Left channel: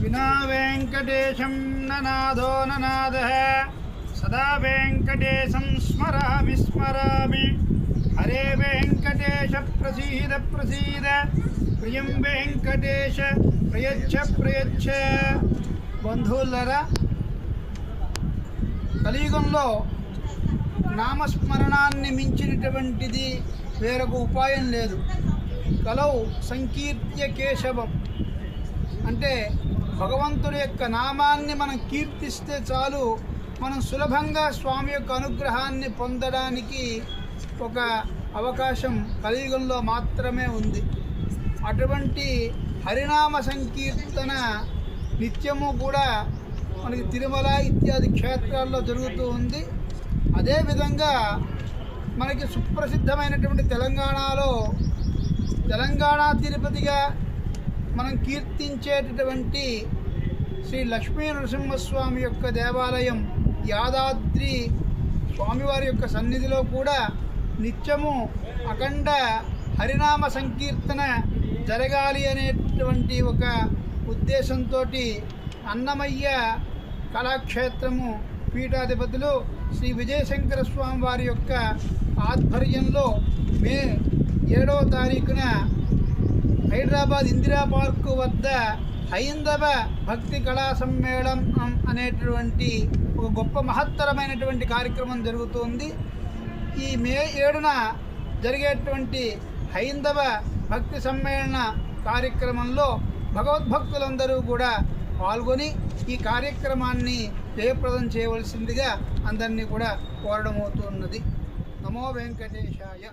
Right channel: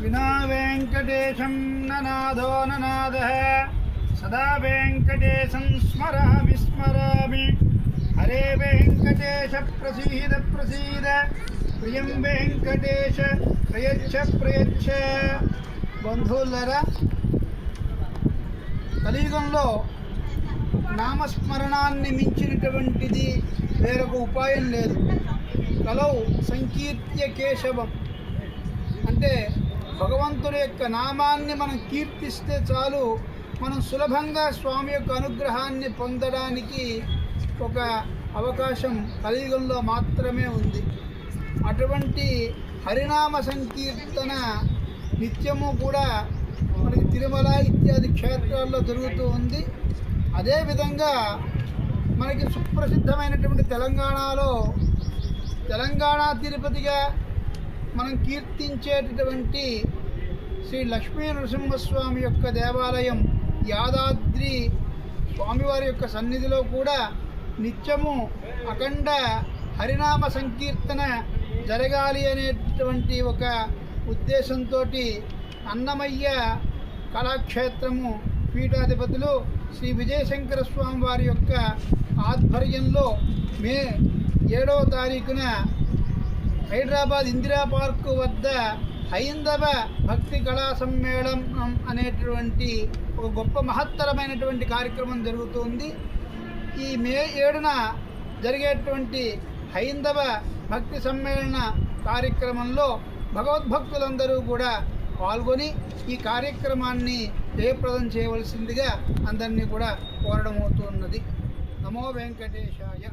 వినా వెంకటేశం ననాదో ననాద సదా వెంకటేశం స్మరామి స్మరామి హరే వెంకటేశ ప్రసీద ప్రసీద ప్రియం వెంకటేశ ప్రయచ్చ ప్రయచ్చ బంధువులరా కలియుగంలో నామస్మరణాన్ని మించినటువంటిది వేరొక ఉపాయం లేదు. కలవు సంకీర్త్య కేశవం. అంటే భగవంతుడి యొక్క నామాన్ని మనం కీర్తిస్తే చాలు. మనం సులభంగా స్వామి యొక్క అనుగ్రహాన్ని పొందడానికి ఒక అవకాశం కలియుగంలో మాత్రమే ఉంది. అటువంటి హరినామ సంకీర్తన నిత్యము కూడా మనకి తిరుమల ఇత్యాది క్షేత్రాల్లో జరుగుతూ ఉంది. అదేవిధంగా మనకి సుప్రసిద్ధమైనటువంటి తెలంగాణలో తెలంగాణ తిరుపతిగా మనం కీర్తించేటటువంటి శ్రీ లక్ష్మీ నరసింహస్వామి యొక్క దేవాలయం యాదాద్రి స్వామివారి యొక్క సన్నిధిలో కూడా నిత్యము అఖండ హరినామ సంకీర్తన జరగాలి అనేటువంటి ఒక ఉద్దేశంతో అన్నమయ్య కళాక్షేత్రము పీఠాధిపతులు శ్రీ విజయశంకర స్వామి వారి యొక్క ఆధ్వర్యంలో మే ఏడవ తారీఖున హైదరాబాద్ ఇందిరా పార్కు వద్ద హైందవ భక్తి కళా సమ్మేళనం అనేటువంటి ఒక గొప్ప మహత్తరమైనటువంటి కార్యక్రమం జరుగుతుంది. ఈ మే ఏడున జరిగేటువంటి హైందవ భక్తి సమ్మేళన కార్యక్రమంలో భగవద్భక్తులందరూ కూడా పాల్గొని ఈ కార్యక్రమాన్ని జయప్రదం చేయవలసిందిగా అందరినీ కూడా కోరడం అవుతున్నది. నమో వెంకటేశాయ.